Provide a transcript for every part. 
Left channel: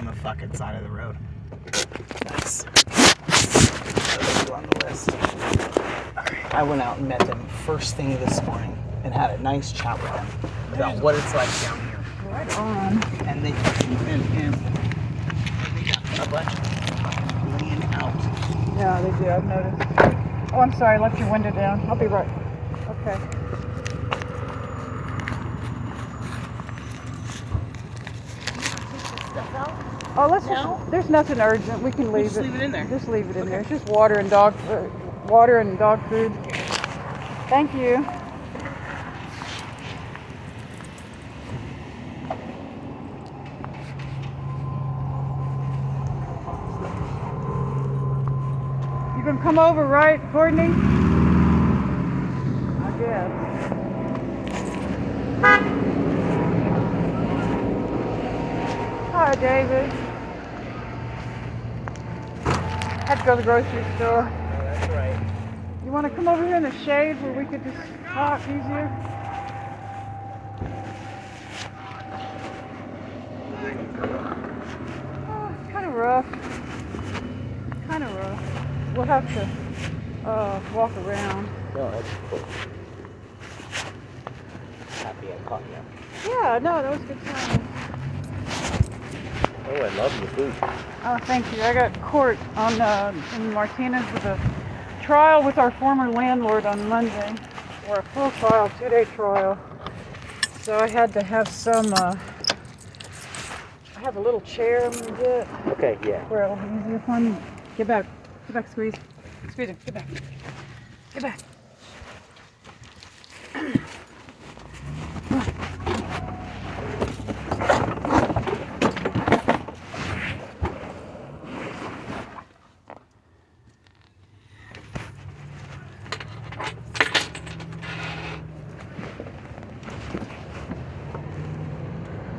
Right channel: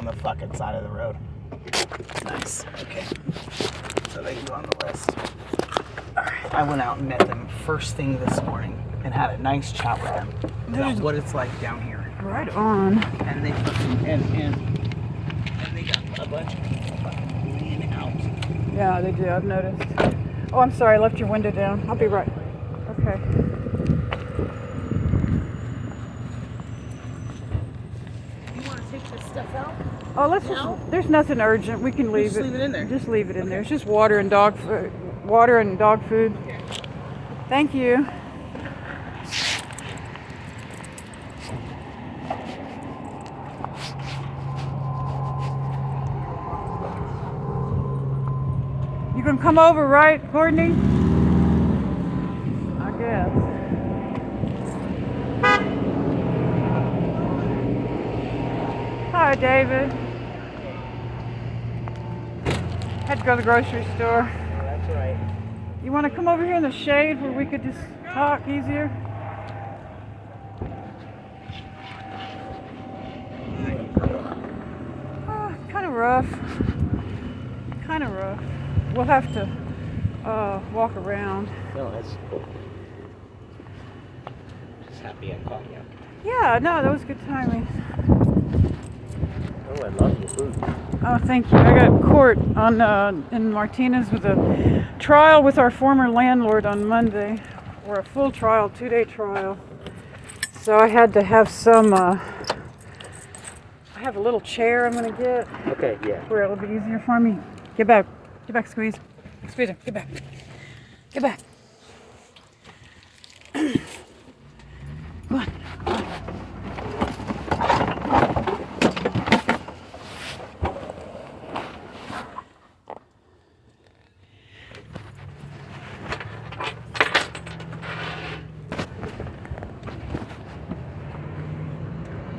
on the fucking side of the road. Nice. Another two on the list. Alright. I went out and met them first thing this morning and had a nice chat with them about what it's like down here. Right on. And they got a bunch of fucking leaning out. Yeah, they do. I've noticed. Oh, I'm sorry. I left your window down. I'll be right. Okay. Stuff out? Oh, let's just. There's nothing urgent. We can leave it. Just leave it in there. Just leave it in there. It's just water and dog food. Water and dog food. Thank you. You can come over, right, Courtney? I guess. Hi, David. Had to go to the grocery store. That's right. You want to come over here in the shade where we could just talk easier? Oh, it's kind of rough. Kind of rough. We'll have to walk around. So, happy I caught you. Yeah, no, that was good timing. Oh, I love the food. Oh, thank you. I got court on in Martinez with a trial with our former landlord on Monday, or a full trial, 2-day trial. So I had to have some. I have a little chair I'm gonna get. Okay, yeah. Where it'll be easier for me. Get back, squeeze. Squeeze it. Get back. Get back. Come on.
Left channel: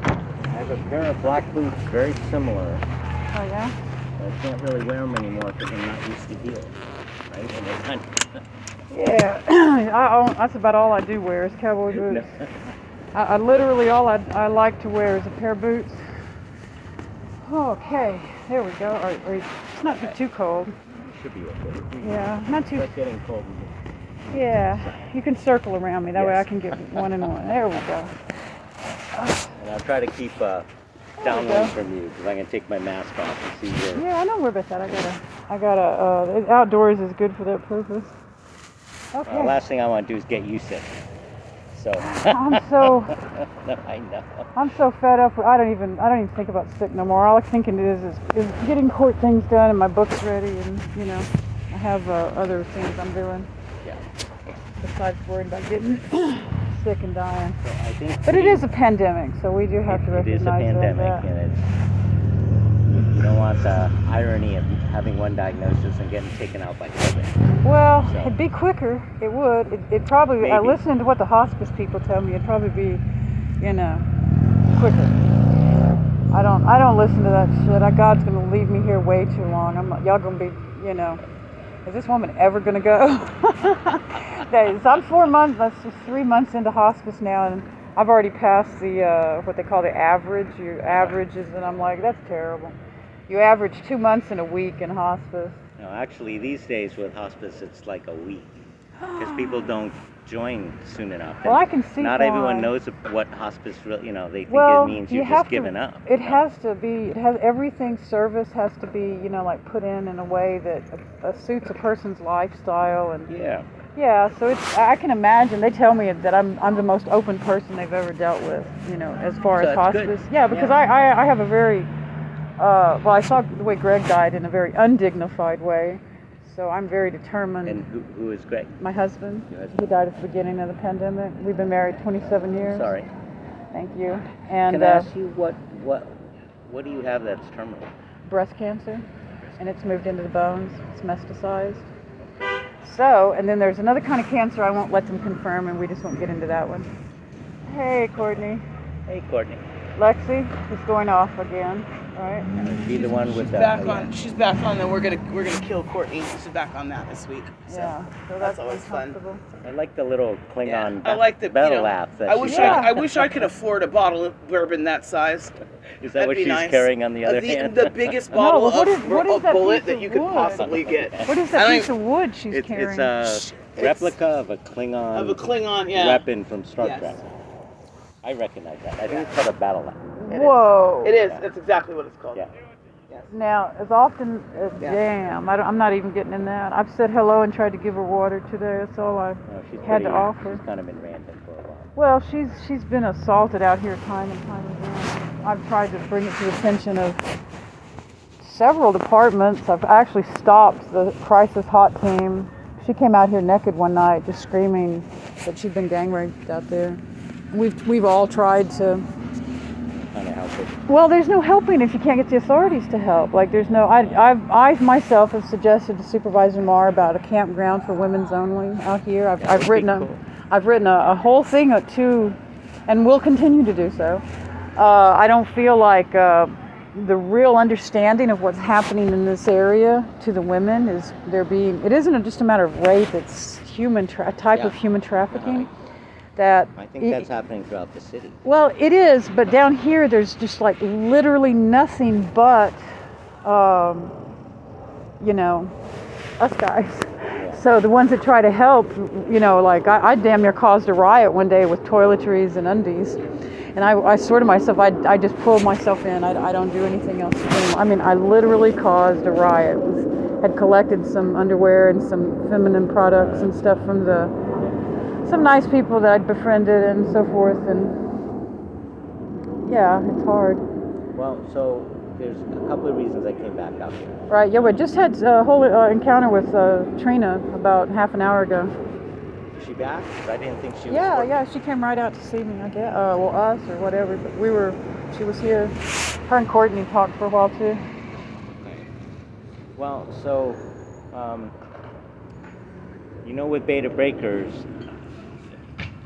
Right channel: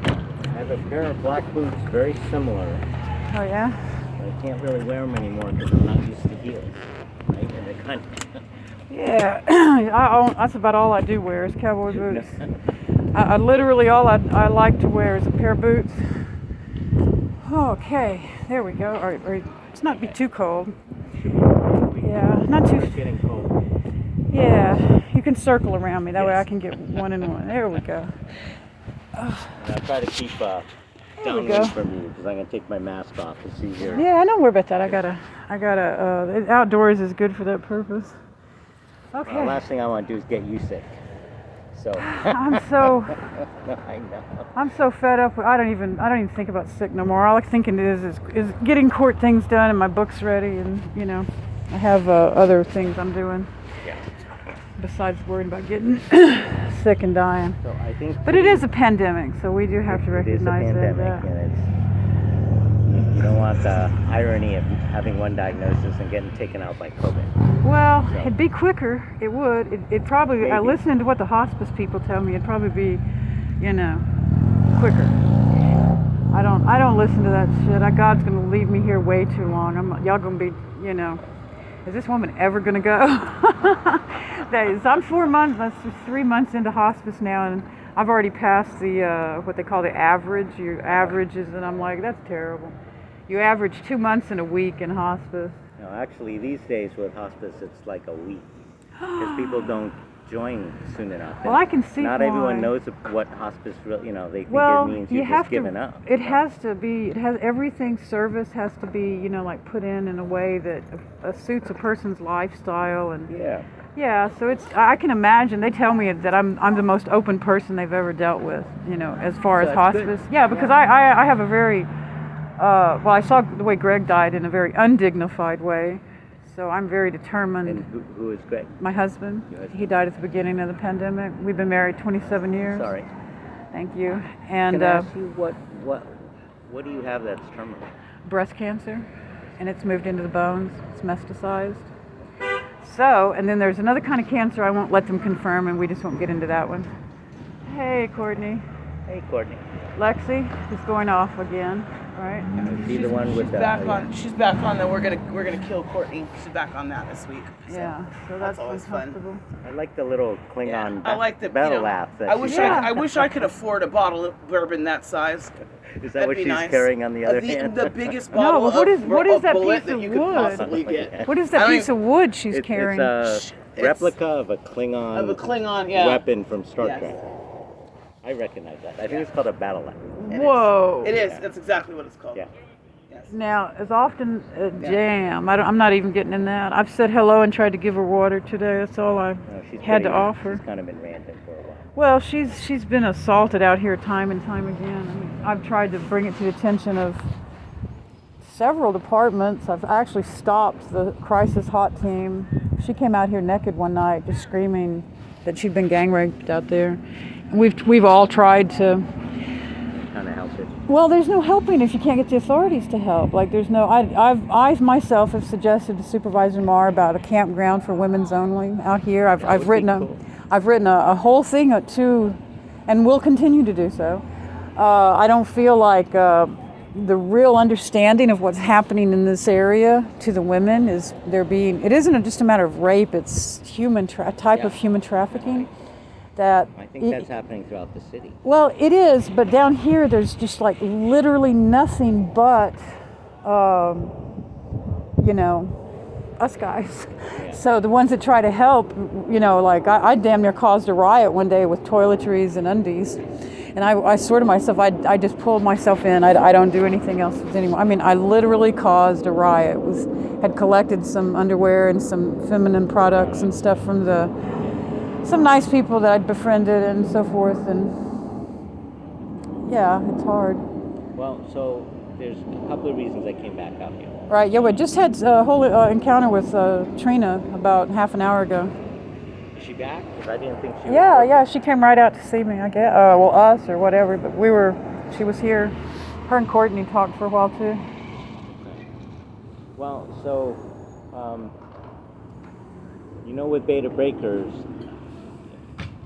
I have a pair of black boots very similar. Oh yeah? I can't really wear them anymore because I'm not used to heels, right? And they're kind of Yeah, that's about all I do wear is cowboy boots. I literally all I like to wear is a pair of boots. Okay, there we go. All right, it's not be too cold. Yeah, not too. It's getting cold. Yeah, you can circle around me. That way I Yes. can get one and one. There we go. And I'll try to keep we downwind go. from you because I'm going to take my mask off. It's easier. Yeah, I don't worry about that. I gotta. Outdoors is good for that purpose. Okay. Last thing I want to do is get you sick. So. I'm so. No, I know. I'm so fed up. I don't even think about sick no more. All I'm thinking is getting court things done and my books ready, and I have other things I'm doing Yeah. besides worrying about getting sick and dying. So I think. But it is a pandemic, so we do have to It is a recognize pandemic, that. and you don't want the irony of having one diagnosis and getting taken out by COVID. Well, So. it'd be quicker. It would. It'd probably. Maybe. Listening to what the hospice people tell me, it'd probably be, quicker. I don't listen to that shit. God's gonna leave me here way too long. Y'all gonna be, is this woman ever gonna go? So I'm 4 months. That's just 3 months into hospice now, and I've already passed the what they call the average. Your averages, and I'm like, that's terrible. You average 2 months in a week in hospice. No, actually, these days with hospice, it's like a week because people don't join soon enough. Well, And I can see not why. everyone knows what hospice really. They think Well, it means you you've have just given up. It has to be. It has everything. Service has to be, like put in a way that suits a person's lifestyle and. Yeah. Yeah, so it's. I can imagine. They tell me that I'm the most open person they've ever dealt with. As far So as that's good. hospice. Yeah, because Yeah. I have a very. Well, I saw the way Greg died in a very undignified way, so I'm very determined. And who is Greg? My husband. Your husband. He died at the beginning of the pandemic. We've been married 27 years. Sorry. Thank you. And Can I ask you what do you have that's terminal? breast cancer, and it's moved into the bones. It's metastasized. So, and then there's another kind of cancer I won't let them confirm, and we just won't get into that one. Hey, Courtney. Hey, Courtney. Lexi is going off again, right? Is she the one with the? Back yeah. on. She's back on the. We're gonna kill Courtney. She's back on that this week. So. Yeah, so that's always fun. uncomfortable. I like the little Klingon I like the battle you know, laugh that I she's wish got. I wish I could afford a bottle of bourbon that size. Is that That'd what be she's nice. carrying on the other hand? The biggest No, bottle but what is- of what is of that bullet piece that of you could wood? possibly get. What is I that don't piece of wood she's It's carrying? a It's- replica of a Klingon. Of a Klingon, yeah. Weapon from Star Yes. Trek. I recognize that. I think it's called a battle laugh. It is. Whoa. It is. That's exactly what it's called. Yeah. Yes. Now, as often as Yeah. jam, I'm not even getting in that. I've said hello and tried to give her water today. That's all I No, she's had to pretty- offer. She's kind of been ranting for a while. Well, she's been assaulted out here time and time again. I've tried to bring it to the attention of several departments. I've actually stopped the crisis hot team. She came out here naked one night, just screaming that she'd been gang raped out there. We've all tried to. Kind of help it. Well, there's no helping if you can't get the authorities to help. Like, there's no. I myself have suggested to Supervisor Marr about a campground for women's only out here. That I've would written be a. cool. I've written a whole thing to, and will continue to do so. I don't feel like the real understanding of what's happening in this area to the women is there being. It isn't just a matter of rape. It's type of Yeah. human trafficking. That I think that's happening throughout the city. well, it is, but down here there's just like literally nothing but, you know, us guys. So the ones that try to help, you know, like I damn near caused a riot one day with toiletries and undies. And I swear to myself, I just pulled myself in. I don't do anything else anymore. I mean, I literally caused a riot. Had collected some underwear and some feminine products and stuff from some nice people that I'd befriended and so forth. And yeah, it's hard. Well, so there's a couple of reasons I came back out here. Right, yeah, we just had a whole encounter with Trina about half an hour ago. Is she back? Because I didn't think she was. Yeah, working. yeah, she came right out to see me, I guess. Well, us or whatever, but she was here. Her and Courtney talked for a while too. Okay. Well, so, you know, with Beta Breakers,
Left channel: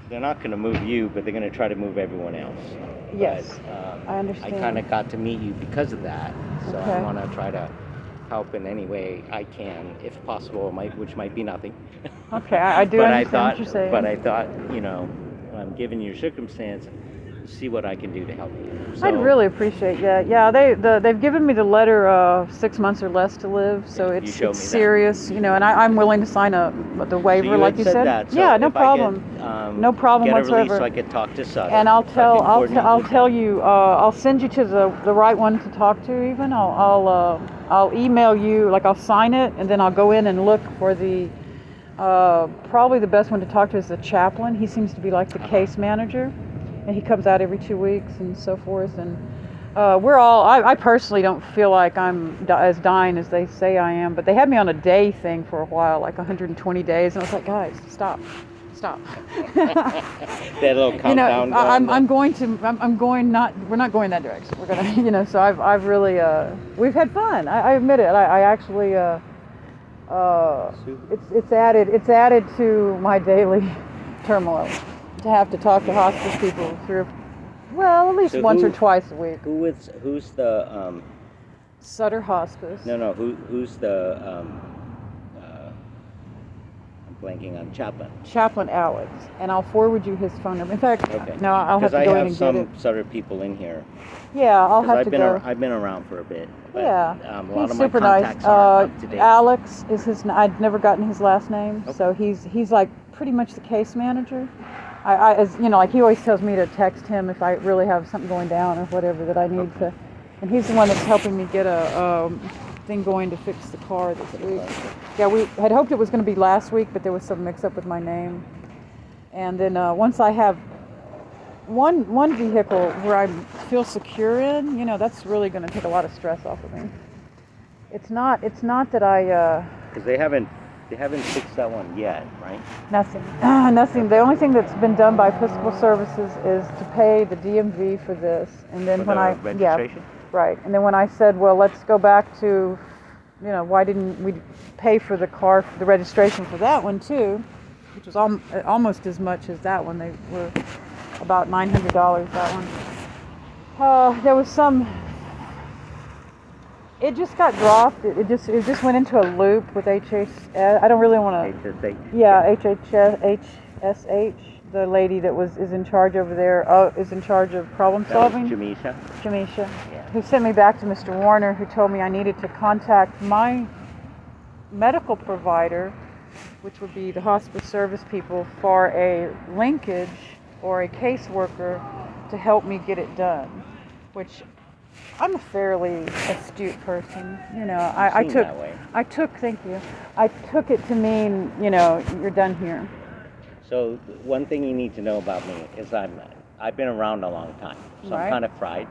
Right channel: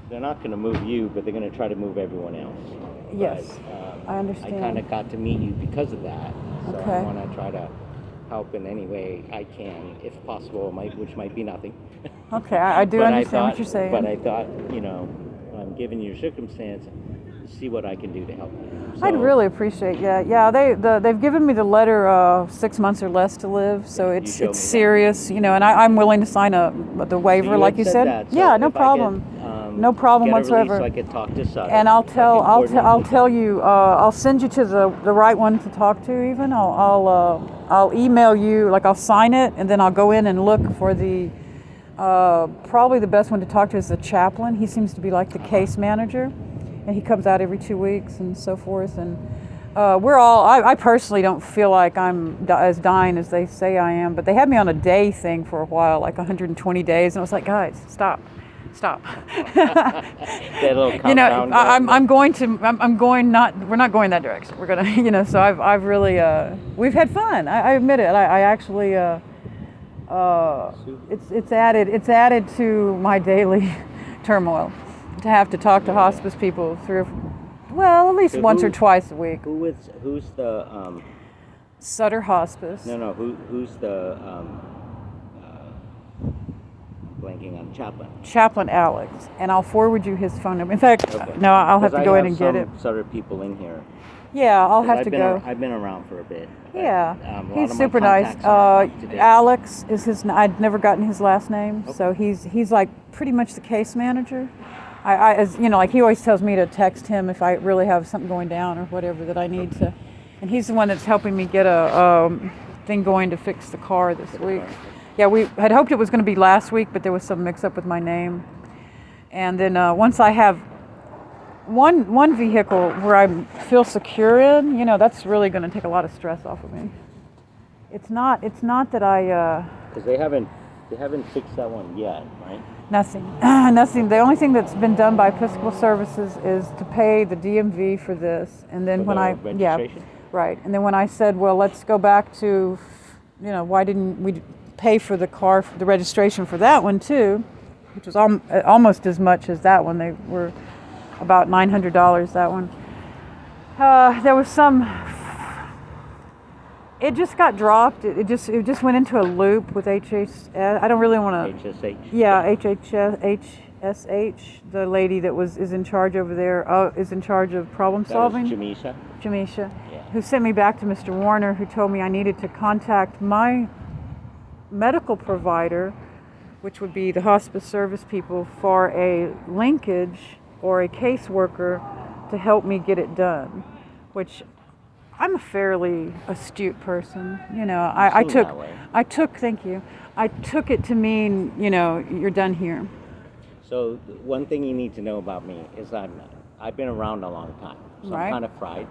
they're not going to move you, but they're going to try to move everyone else. Yes, But, I understand. I kind of got to meet you because of that, so Okay. I want to try to help in any way I can, if possible, which might be nothing. Okay, I do But understand I what you're saying. But I thought, you know, given your circumstance, see what I can do to help you. So, I'd really appreciate, yeah. They've given me the letter 6 months or less to live, so You it's showed me that. serious, you know, and I'm willing to sign the waiver, you like had you said said. that, so Yeah, no if I problem. could, No problem get a whatsoever. release so I could talk to Sutter. And I'll so I can coordinate I'll with tell them. you. I'll send you to the right one to talk to. Even I'll email you. Like I'll sign it, and then I'll go in and look for the. Probably the best one to talk to is the chaplain. He seems to be like the case manager, and he comes out every 2 weeks and so forth. And we're all. I personally don't feel like I'm as dying as they say I am, but they had me on a day thing for a while, like 120 days, and I was like, guys, stop. That little countdown. You know, going. I'm going to. I'm going not. We're not going that direction. We're gonna. You know. So I've really. We've had fun. I admit it. I actually. It's added to my daily turmoil to have to talk to hospice people at least So once or who- twice a week. Who's the Sutter Hospice. no who's the I'm blanking on chaplain. Chaplain Alex, and I'll forward you his phone number. In fact, Okay. no, I'll have to Because go I in have and get it. some Sutter people in here. Yeah, I'll 'Cause have I've to been go. I've been around for a bit. But, Yeah, a lot he's of my super nice. contacts aren't up to date. Alex is his. I'd never gotten his last name, Okay. so he's like pretty much the case manager. As you know, like he always tells me to text him if I really have something going down or whatever that I need to, and he's the one that's helping me get a thing going to fix the car this week. Yeah, we had hoped it was going to be last week, but there was some mix-up with my name, and then once I have one vehicle where I feel secure in, you know, that's really going to take a lot of stress off of me. It's not that I Because they haven't fixed that one yet, right? nothing. The only thing that's been done by Episcopal Services is to pay the DMV for this, and then For when the I registration? right, and then when I said, well, let's go back to, you know, why didn't we pay for the car, for the registration for that one too, which was almost as much as that one. They were about $900 that one. There was some. It just got dropped. It just went into a loop with HHS. I don't really want to. HSH. Yeah, HSH. The lady that is in charge over there is in charge of problem That was solving. Jamisha. Jamisha, Yeah. who sent me back to Mr. Warner, who told me I needed to contact my medical provider, which would be the hospice service people, for a linkage or a caseworker to help me get it done, which I'm a fairly astute person. You know, I seem took, that way. thank you. I took it to mean, you know, you're done here. So one thing you need to know about me is I've been around a long time, so Right. I'm kind of fried.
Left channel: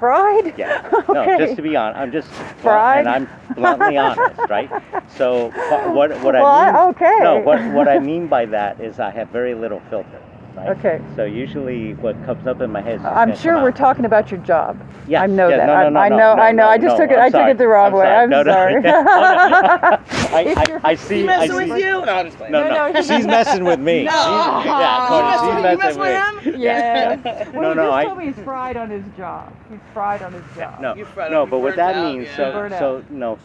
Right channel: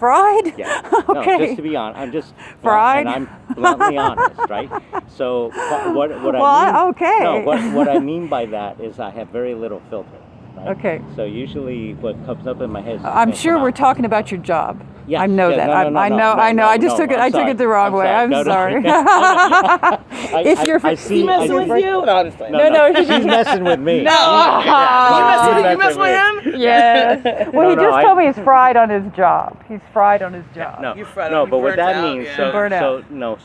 Fried? Yeah. Okay. No, just to be honest, I'm just Fried? and I'm bluntly honest, right? So what I Well, mean? okay. No, what I mean by that is I have very little filter. Right? Okay. So usually what comes up in my head is what's I'm gonna sure come we're out. talking about your job. Yeah, I know yeah, that. no, I know. I just took it. I took it the wrong way. I'm sorry. It's your. I see. He messing I with see. you? No, I'm just playing. No, she's messing with me. No. She's You messing mess with me. him? Yeah. Well, No, he just I- told me he's fried on his job. He's fried on his job. No, You fried no, up, but you what burnt that out, means, yeah. Burnt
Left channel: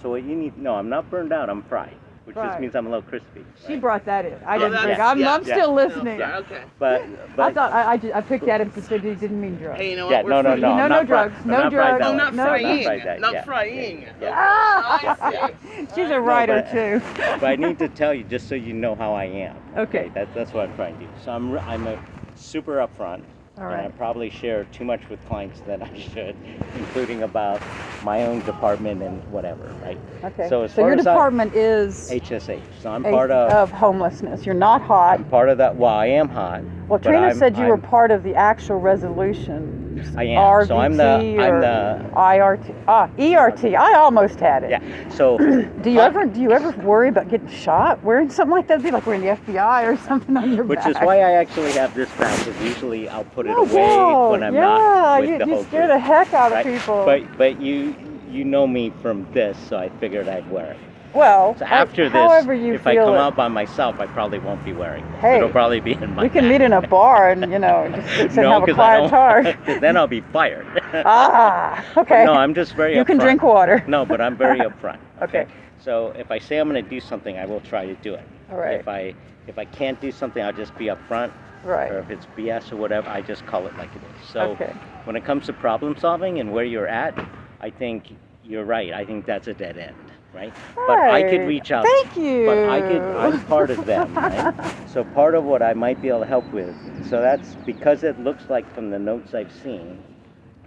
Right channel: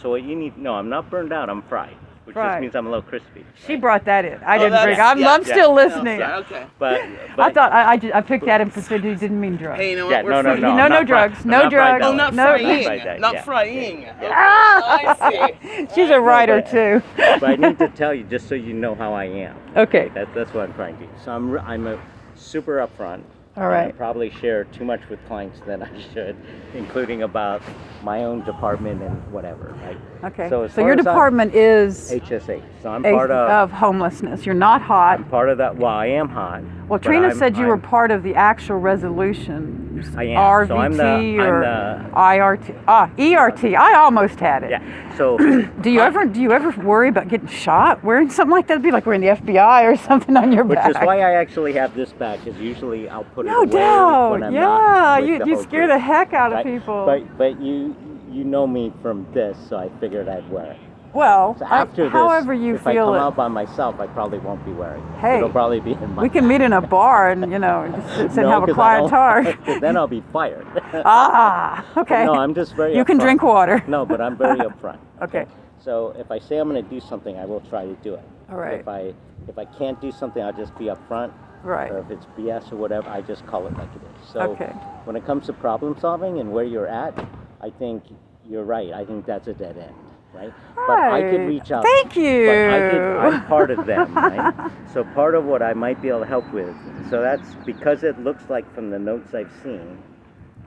so what you need, no, I'm not burned out, I'm fried, which Right. just means I'm a little crispy. She right? brought that in. I Oh, didn't that's- bring. I'm yeah. still listening. Yeah, okay. But I thought I picked at him because he didn't mean drugs. Hey, you know what? yeah, We're no, free. No, I'm no not drugs, fried- no I'm not fried drugs. that Oh, way. not No, frying. not fried that, Not yeah. frying. Ah! I see. She's a writer but- too. But I need to tell you just so you know how I am. Okay. That's what I'm trying to do. So I'm a super upfront. All and right. I probably share too much with clients than I should, including about my own department and whatever, right? Okay. So as So far your as department is HSH. So I'm part of homelessness. You're not hot. I'm part of that. Well, I am hot. Well, but Trina I'm- said you were I'm- part of the actual resolution. I am. RVT So I'm or the IRT. ERT. I almost had it. yeah. So Do you ever worry about getting shot wearing something like that? It'd be like wearing the FBI or something on your which back. is why I actually have this back. Because usually I'll put it No away doubt. when I'm yeah, not with the you whole scare group, the heck out right? of people. But you know me from this, so I figured I'd wear it. well, So after this, however you if I feel come it. out by myself, I probably won't be wearing it. Hey, It'll probably be in my we can bag. meet in a bar and just sit No, and have a because I quiet don't. talk. Because then I'll be fired. Ah, But okay. no, I'm just very. You can upfront. drink water. No, but I'm very upfront. Okay. So if I say I'm going to do something, I will try to do it. All right. If I can't do something, I'll just be upfront. Right. Or if it's BS or whatever, I just call it like it is. So Okay. when it comes to problem solving and where you're at, I think you're right. I think that's a dead end, right? But I could Right. reach out. Thank you. But I'm part of them, right? So part of what I might be able to help with. So that's because it looks like from the notes I've seen,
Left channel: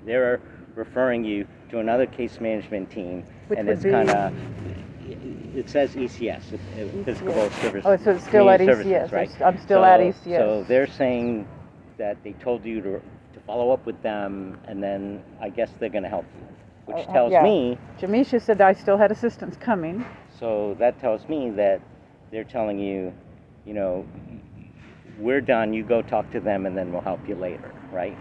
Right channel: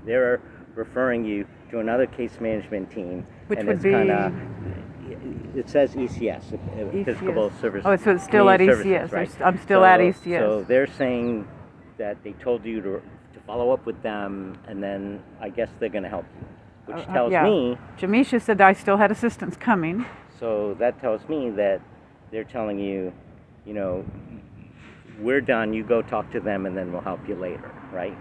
they're referring you to another case management team, Which and would it's be- kind of. It says ECS, Episcopal Service. Oh, so it's still at Community ECS. Services, right? I'm still at E So- ECS. So they're saying that they told you to follow up with them, and then I guess they're going to help you, which tells yeah. me. Jamisha said I still had assistance coming. So that tells me that they're telling you, you know, we're done. You go talk to them, and then we'll help you later, right?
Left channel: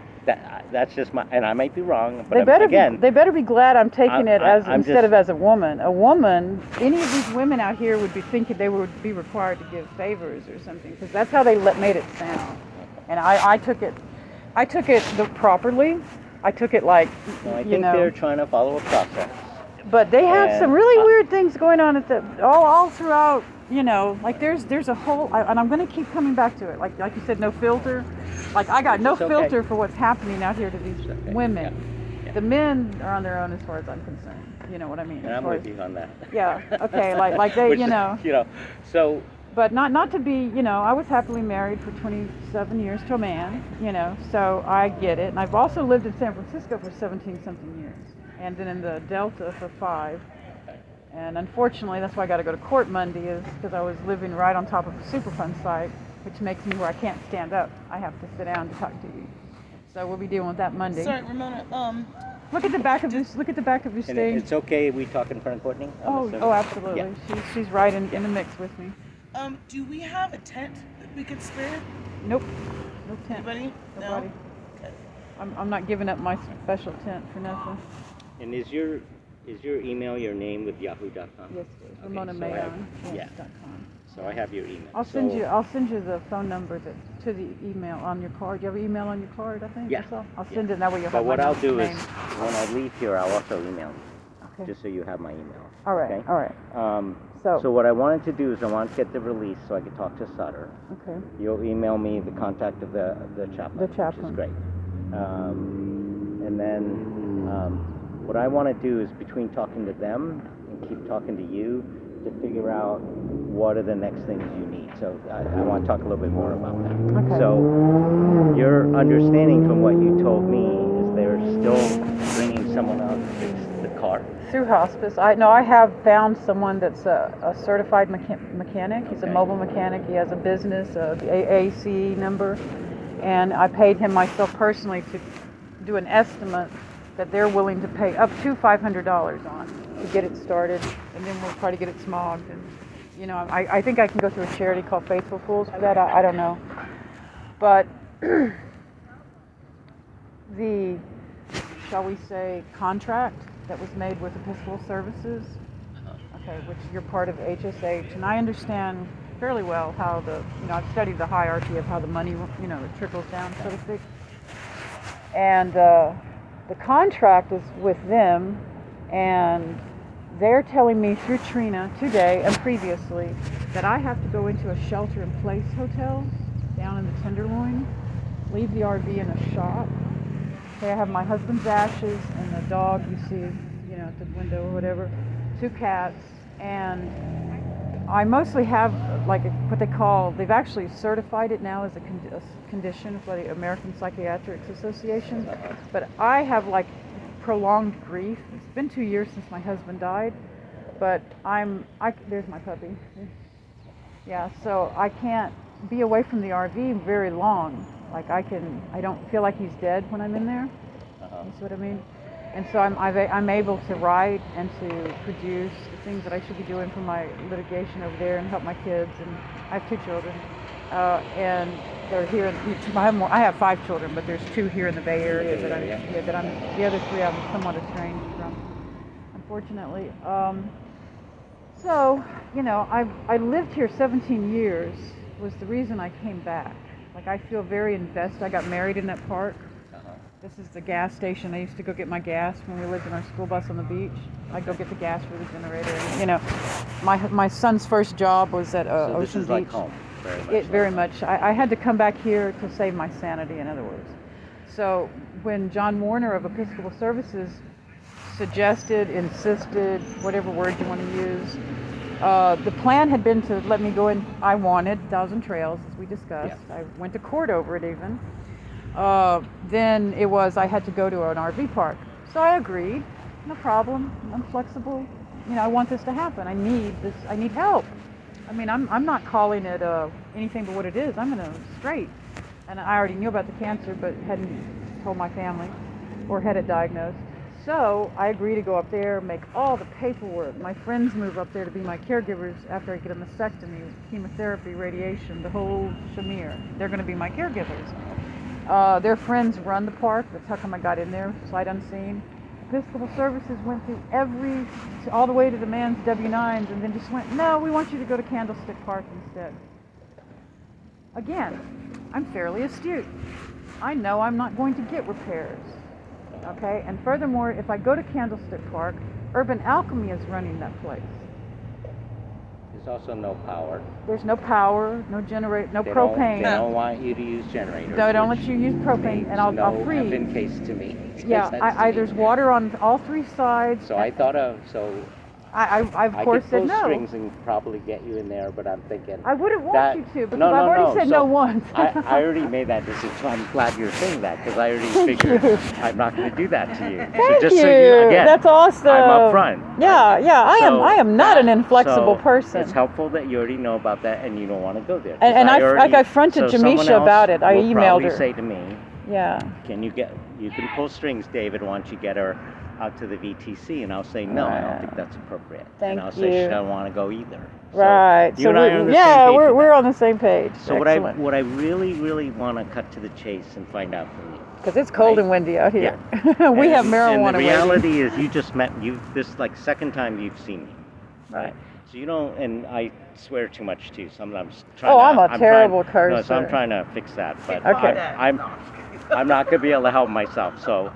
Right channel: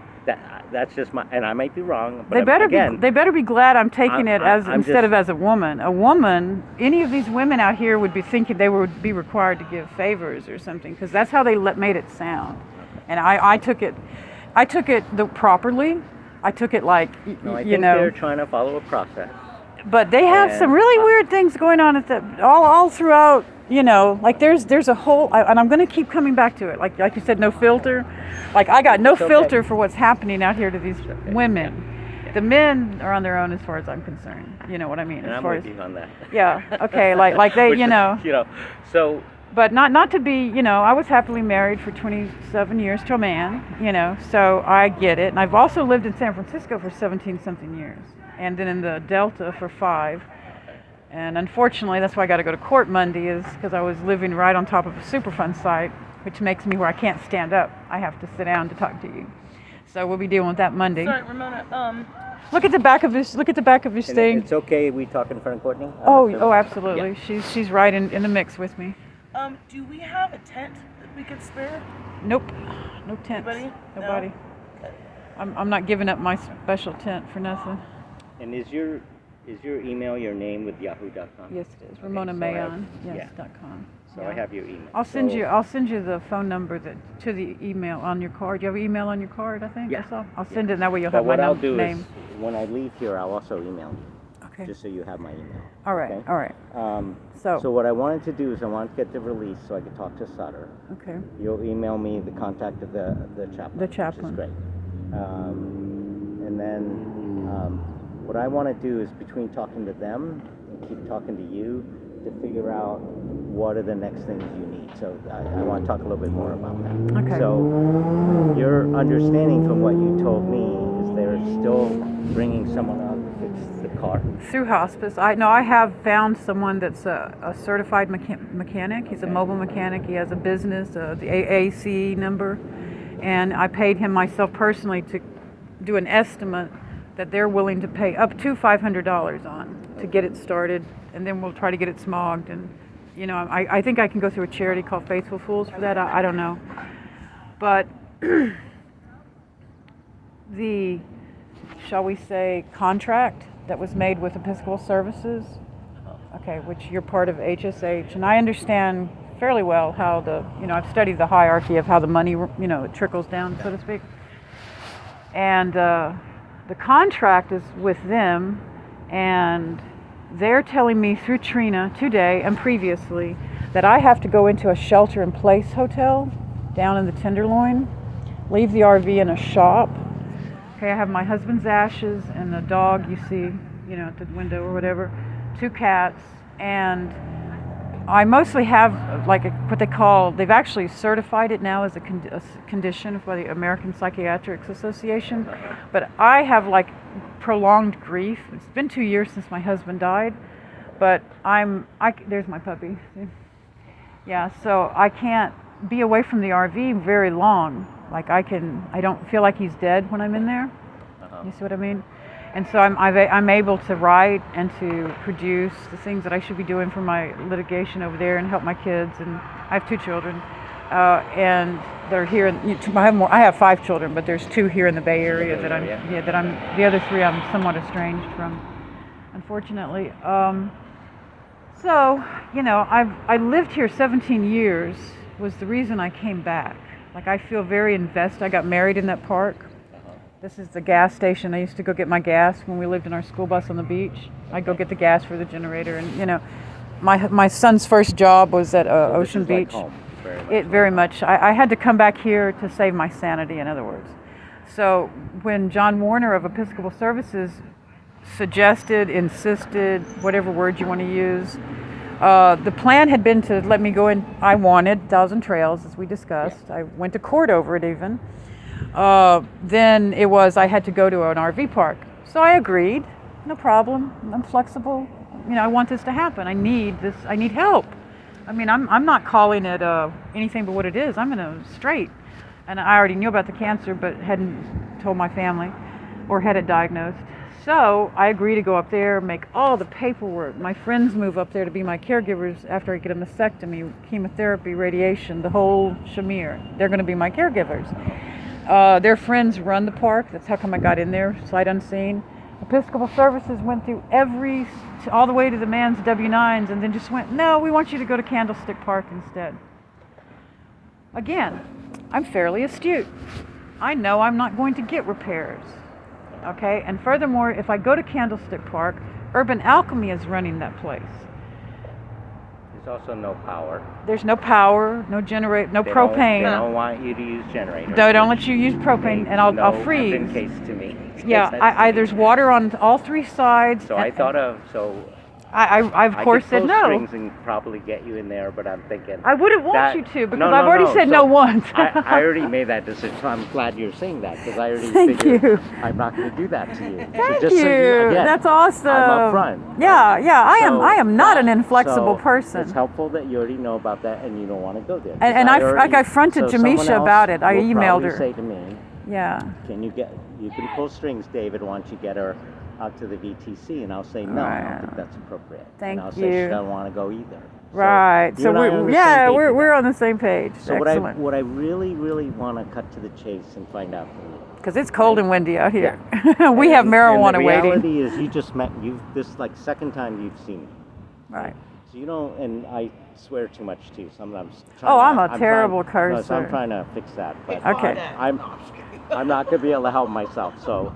That's just my, and I might be wrong, but They better again, they better be glad I'm taking it as I'm instead just- of as a woman. A woman, any of these women out here would be thinking they would be required to give favors or something because that's how they made it sound. And I took it properly. I took it like no, I you think know. they're trying to follow a process. But they have And some really weird things going on at all throughout. You know, like there's a whole, and I'm going to keep coming back to it. Like you said, no filter. Like I got no It's okay. filter for what's happening out here to these okay. women. Yeah. The men are on their own as far as I'm concerned. You know what I mean? And as I'm far with as- you on that. Yeah. Okay. Like they, Which, you know. So But not to be, you know, I was happily married for 27 years to a man, you know, so I get it. And I've also lived in San Francisco for 17 something years, and then in the Delta for 5. And unfortunately, that's why I got to go to court Monday, is because I was living right on top of a Superfund site, which makes me where I can't stand up. I have to sit down to talk to you. So we'll be dealing with that Monday. Sorry, Ramona. Look at the back of this. Look at the back of this and thing. it's okay. We talk in front of Courtney. I'm Oh, assuming? oh, absolutely. She's right in the mix with me. Do we have a tent that we could spare? Nope, no tent. Anybody? No? Nobody. Okay. I'm not giving up my special tent for nothing. And is your email your name with yahoo.com? Yes, it is. Okay, Ramona so I have- Mayon. yeah. .com. So I have your email. I'll send you the phone number to the email on your card. Do you have an email on your card, I think? Yeah. That's all? I'll send it, and that way you'll But have what my I'll do name. is, when I leave here, I'll also email you, Okay. just so you have my email. All right. Okay? All right. So So. what I wanted to do is I wanted to get the release so I could talk to Sutter. Okay. You'll email me the contact of the chaplain. The chaplain. Which is great. And then what I want to do is, between talking to them and keep talking to you, to figure out what are the next things you need. So I want to talk a little bit more about that. Okay. So your understanding from what you told me is they're still bringing someone out to fix the car. Through hospice, I have found someone that's a certified mechanic. He's a Okay. mobile mechanic. He has a business, the AAC number, and I paid him myself personally to do an estimate that they're willing to pay up to $500 on to get it started, and then we'll try to get it smogged. And I think I can go through a charity called Faithful Fools for that. I don't know, but the, shall we say, contract that was made with Episcopal Services, okay, which you're part of HSH, and I understand fairly well how I've studied the hierarchy of how the money, trickles down, so to speak. And the contract is with them, and they're telling me through Trina today and previously that I have to go into a shelter-in-place hotel down in the Tenderloin, leave the RV in a shop. Okay, I have my husband's ashes and a dog you see, at the window or whatever, 2 cats, and I mostly have what they call, they've actually certified it now as a condition for the American Psychiatric Association, but I have prolonged grief. It's been 2 years since my husband died, but there's my puppy. Yeah, so I can't be away from the RV very long. I don't feel like he's dead when I'm in there. You see what I mean? And so I'm able to write and to produce the things that I should be doing for my litigation over there and help my kids. And I have 2 children, and they're here. I have 5 children, but there's 2 here in the Bay Area that the other 3 I'm somewhat estranged from, unfortunately. So I lived here 17 years. Was the reason I came back. I feel very invested. I got married in that park. This is the gas station. I used to go get my gas when we lived in our school bus on the beach. I'd go get the gas for the generator. And my son's first job was at Ocean Beach. Like home, very much. I had to come back here to save my sanity, in other words. So when John Warner of Episcopal Services suggested, insisted, whatever word you want to use, the plan had been to let me go in. I wanted Thousand Trails, as we discussed. Yeah. I went to court over it even. Then it was I had to go to an RV park. So I agreed. No problem. I'm flexible. I want this to happen. I need this. I need help. I mean, I'm not calling it anything but what it is. I'm in a strait. And I already knew about the cancer, but hadn't told my family or had it diagnosed. So I agreed to go up there, make all the paperwork. My friends move up there to be my caregivers after I get a mastectomy, chemotherapy, radiation, the whole shamir. They're going to be my caregivers. Their friends run the park. That's how come I got in there, sight unseen. Episcopal Services went through all the way to the man's W-9s, and then just went, no, we want you to go to Candlestick Park instead. Again, I'm fairly astute. I know I'm not going to get repairs. Okay, and furthermore, if I go to Candlestick Park, Urban Alchemy is running that place. There's also no power. There's no power, no propane. They don't want you to use generators. They don't let you use propane, and I'll freeze. In case to me. Yeah, there's water on all 3 sides. So I thought of I of course said no. I could pull strings and probably get you in there, but I'm thinking I wouldn't want you to because I've already said no once. I already made that decision, so I'm glad you're saying that because I already figured I'm not going to do that to you. Thank so just you. So you again, that's awesome. I'm upfront. Yeah. I am not an inflexible person. It's helpful that you already know about that and you don't want to go there. And I fronted Jamisha about it. I emailed her. Say to me, yeah. You can pull strings, David, once you get her out to the VTC, and I'll say no, I don't think that's appropriate. And I'll say she doesn't want to go either. Right. So we're on the same page. So what I really, really want to cut to the chase and find out from you. Because it's cold and windy out here. Yeah. We have marijuana waiting. And the reality is you just met this second time you've seen me. Right. So you don't, and I swear too much too. Sometimes trying Oh, to, I'm a terrible trying, No, so I'm cursor. trying to fix that, but Okay. I'm not gonna be able to help myself. So,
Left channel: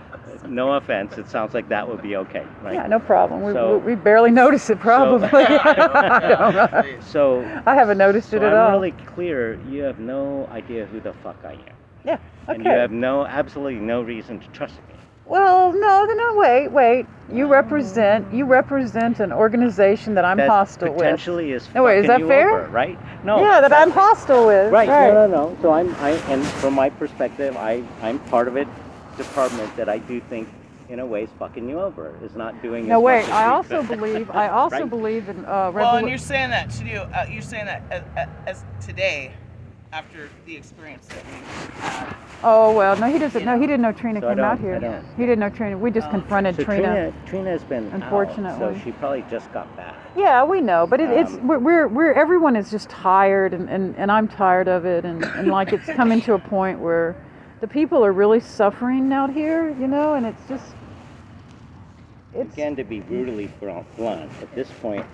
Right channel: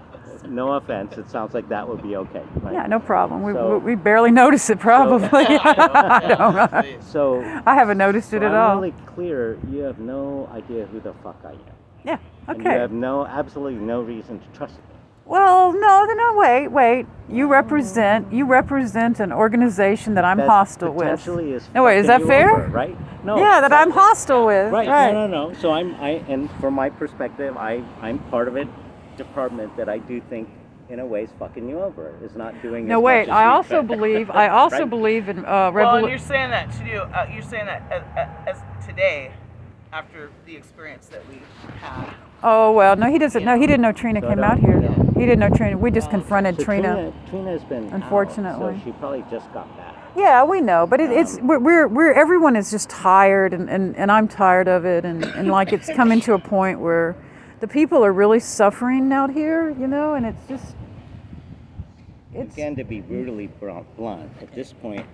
no offense. It sounds like that would be okay, right? Yeah, no problem. So- We barely notice it, probably. I don't know. So, I haven't noticed it at I'm all. really clear. You have no idea who the fuck I am, Yeah. and you Okay. have absolutely no reason to trust me. Well, no, wait. You represent an organization that I'm That hostile potentially is No, wait, is fucking that you fair? over, right? with. No. Yeah, that I'm exactly. hostile with. Right. No. So and from my perspective, I'm part of a department that I do think, in a way, is fucking you over. Is not doing. No, as wait. much as I we also could. believe. I also Right? believe in Well, and you're saying that to do. You're saying that as today, after the experience that we had. Oh well, no, he doesn't. No, he didn't know Trina So I came out don't- here. I don't- He didn't know Trina. We just confronted So Trina. Trina's been Unfortunately. out, so she probably just got back. Yeah, we know, but it's we're everyone is just tired, and I'm tired of it, and like it's coming to a point where the people are really suffering out here, and it's just Again, to be brutally blunt, at this point,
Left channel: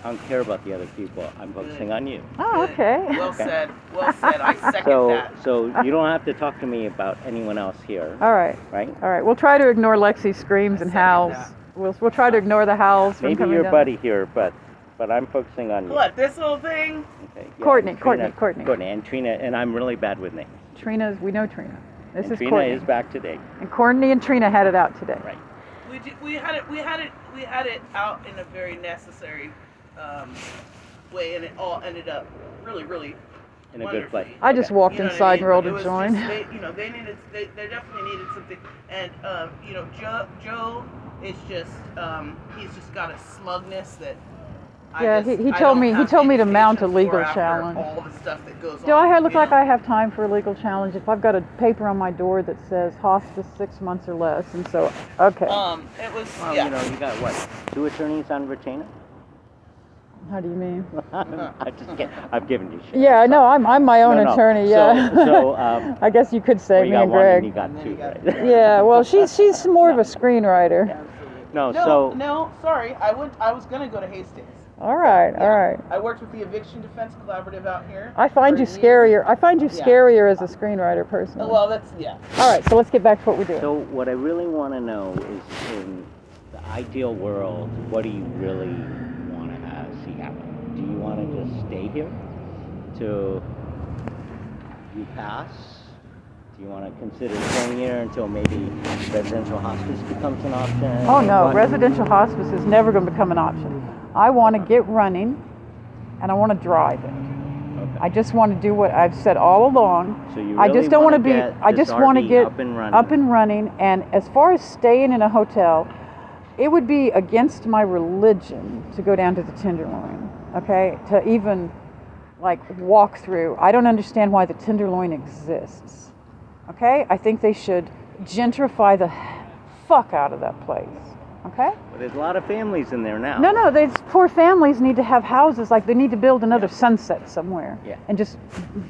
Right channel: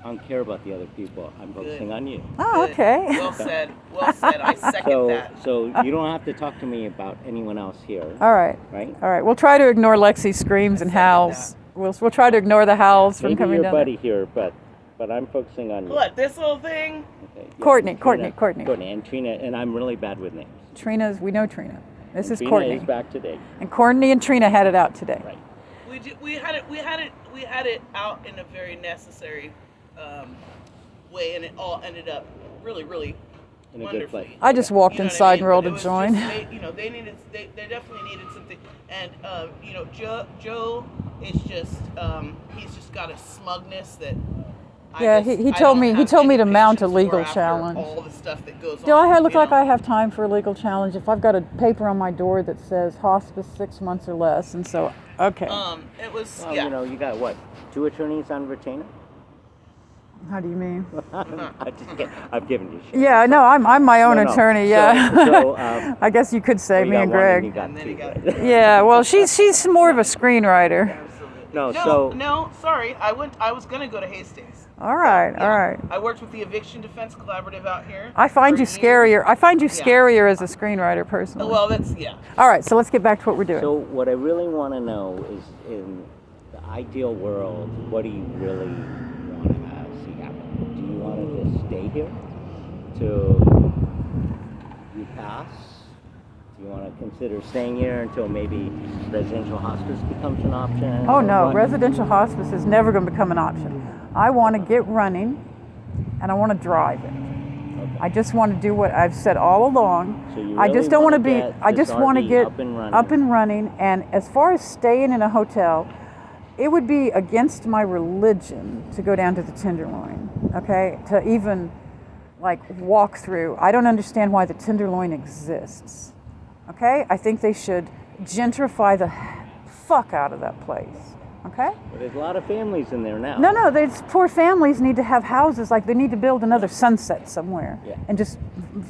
I don't care about the other people. I'm focusing on you. oh Good. okay. Well said. Well said. I second So, that. so you don't have to talk to me about anyone else here, All right. right? All right, we'll try to ignore Lexi's screams and second howls. We'll try to ignore the howls from Maybe coming your down. buddy here, but I'm focusing on you. What, this little thing? Okay, Courtney, Trina- Courtney. and Trina, and I'm really bad with names. We know Trina. This And is Trina Courtney. is back today, And Courtney and Trina had it out today. right? We had it out in a very necessary way, and it all ended up really, really In a good wonderfully. place. I just Okay. walked You know what I inside mean? and rolled But a it was joint. just- they definitely needed something, and Joe is just he's just got a smugness that. Yeah, he told me to mount a legal challenge. All the stuff that goes Do on. I look you like know? I have time for a legal challenge if I've got a paper on my door that says hospice 6 months or less? And so, okay. It was Well, yeah. you got what? 2 attorneys on retainer? How do you mean? I'm just kidding. I've given you shit. Yeah, no, I'm my own No. attorney. So- Yeah. so, I guess you could say well, you me got and one and you Greg. got And then two, you got- right? Yeah, well, she's more of a screenwriter. No, No, so no, sorry. I was gonna go to Hastings. All right, Yeah. all right. I worked with the Eviction Defense Collaborative out here. I find for you years. scarier. I find you Yeah. scarier as a screenwriter, personally. Well, that's yeah. All right, so let's get back to what we're doing. So what I really want to know is, in the ideal world, what do you really want to see happen? Do you want to just stay here till you pass? Do you want to consider staying here until maybe residential hospice becomes an option? Oh or no, what? residential hospice is never going to become an option. I want to get running, and I want to drive it. Okay. I just want to do what I've said all along. So you I really just don't wanna want to be. get I this just want to RV get up and running. up and running. And as far as staying in a hotel, it would be against my religion to go down to the Tenderloin. Okay, to even like walk through. I don't understand why the Tenderloin exists. Okay, I think they should gentrify the fuck out of that place. Okay. But there's a lot of families in there now. No, these poor families need to have houses. Like they need to build another Sunset somewhere, Yeah. and just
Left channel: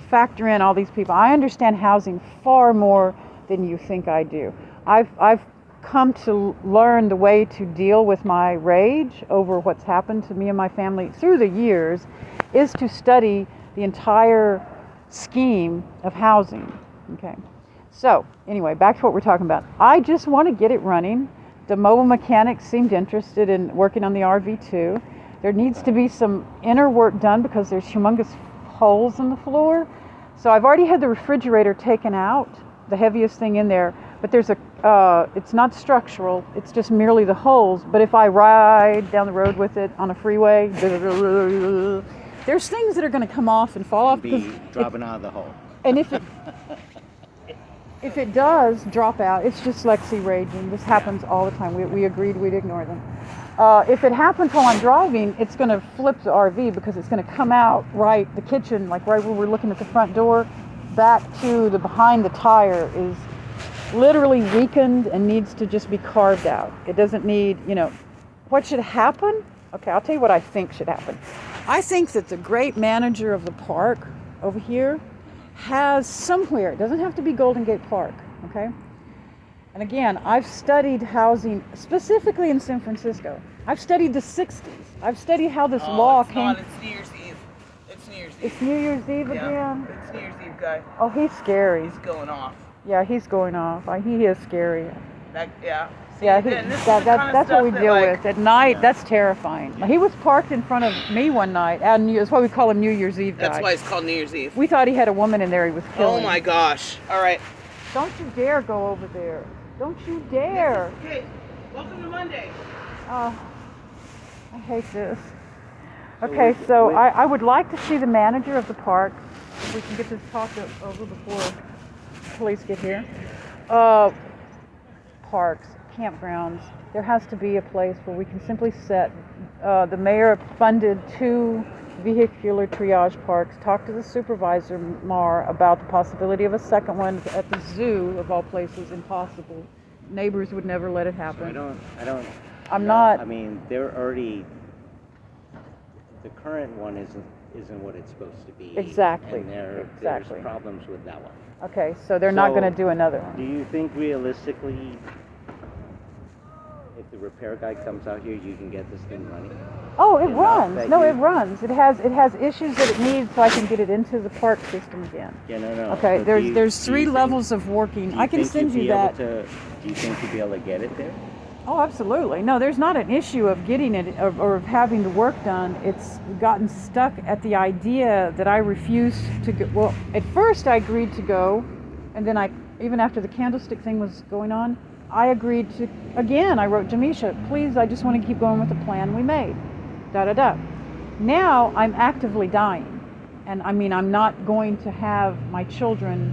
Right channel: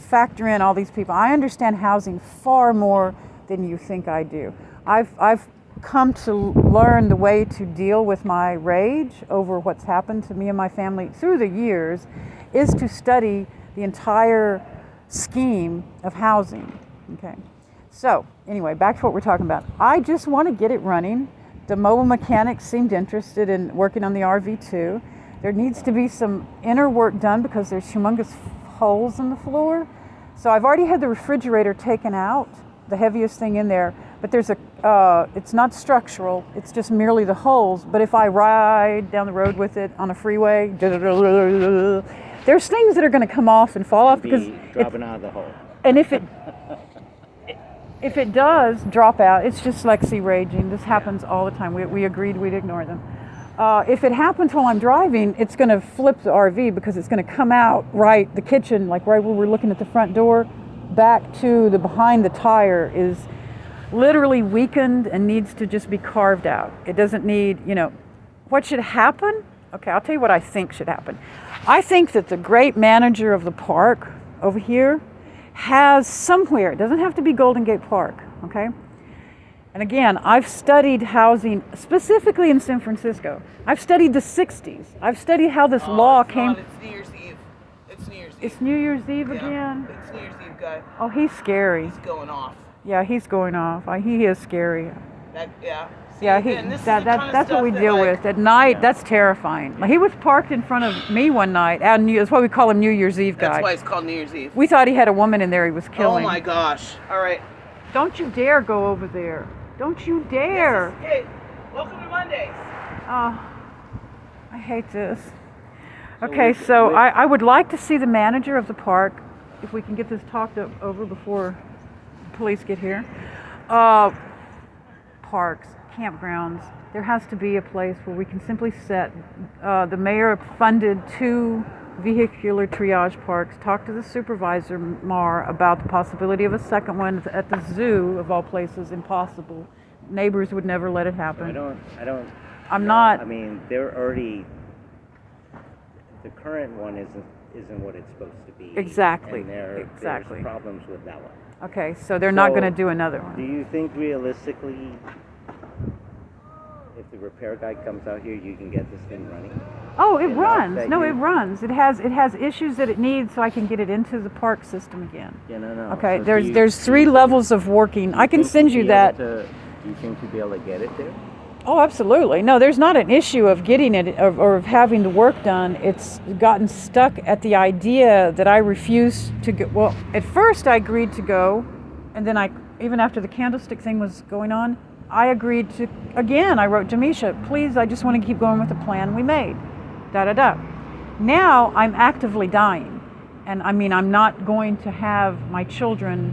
factor in all these people. I understand housing far more than you think I do. I've come to learn the way to deal with my rage over what's happened to me and my family through the years, is to study the entire scheme of housing. Okay. So anyway, back to what we're talking about. I just want to get it running. The mobile mechanics seemed interested in working on the RV2. There needs to be some inner work done because there's humongous holes in the floor. So I've already had the refrigerator taken out, the heaviest thing in there, but there's it's not structural, it's just merely the holes. But if I ride down the road with it on a freeway, there's things that are going to come off and fall off Be because dropping out of the hole. and if it does drop out, it's just Lexi raging. This happens all the time. We agreed we'd ignore them. If it happens while I'm driving, it's going to flip the RV because it's going to come out right, the kitchen, like right where we're looking at the front door, back to the behind the tire is literally weakened and needs to just be carved out. It doesn't need, what should happen? Okay, I'll tell you what I think should happen. I think that the great manager of the park over here has somewhere, it doesn't have to be Golden Gate Park, okay? And again, I've studied housing specifically in San Francisco. I've studied the 60s. I've studied how this law it's came. Not, it's New Year's Eve. It's New Year's Eve. It's New Year's Eve Yeah, again. it's New Year's Eve, guy. Oh, he's scary. He's going off. Yeah, he's going off. He is scary. Yeah. See, Yeah, and this is the kind of that's stuff what we that, deal like, with at night. That's terrifying. He was parked in front of me one night. And that's why we call him New Year's Eve guy. That's why it's called New Year's Eve. We thought he had a woman in there he was killing. Oh my gosh. All right. Don't you dare go over there. Don't you dare. Hey, welcome to Monday. Oh, I hate this. So Okay, with- so with- I would like to see the manager of the park, if we can get this talked over before the police get here. Parks, campgrounds, there has to be a place where we can simply set, the mayor funded 2 vehicular triage parks, talk to the supervisor, Mar, about the possibility of a second one at the zoo, of all places, impossible. Neighbors would never let it happen. I'm not- I mean, they're already. The current one isn't what it's supposed to be. Exactly, And there's exactly. problems with that one. Okay, so they're not going to So- do another one. Do you think realistically, if the repair guy comes out here, you can get this thing running? Oh, it enough runs. that No, you- it runs. It has issues that it needs, so I can get it into the park system again. Yeah, no. Okay, So there's do you- there's do 3 you think- levels of working. do I can think send you'd you be able that. do you think you'd be able to get it there? Oh, absolutely. No, there's not an issue of getting it or of having the work done. It's gotten stuck at the idea that I refused to go. Well, at first I agreed to go, and then even after the candlestick thing was going on, I agreed to, again, I wrote Jamisha, please, I just want to keep going with the plan we made. Da-da-da. Now I'm actively dying. And I mean, I'm not going to have my children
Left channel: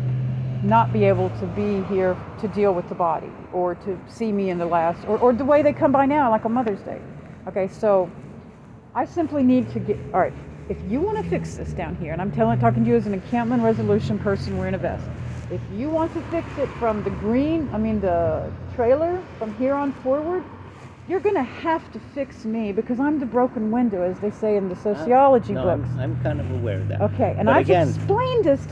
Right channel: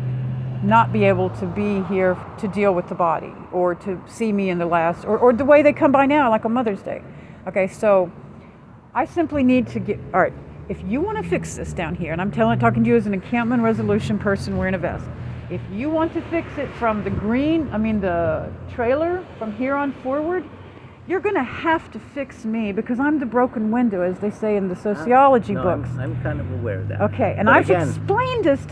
not be able to be here to deal with the body or to see me in the last, or the way they come by now, like on Mother's Day. Okay, so I simply need to get, all right, if you want to fix this down here, and I'm talking to you as an encampment resolution person wearing a vest, if you want to fix it from the trailer from here on forward, you're going to have to fix me because I'm the broken window, as they say in the sociology No, books. I'm kind of aware of that. Okay, and But I've again, explained this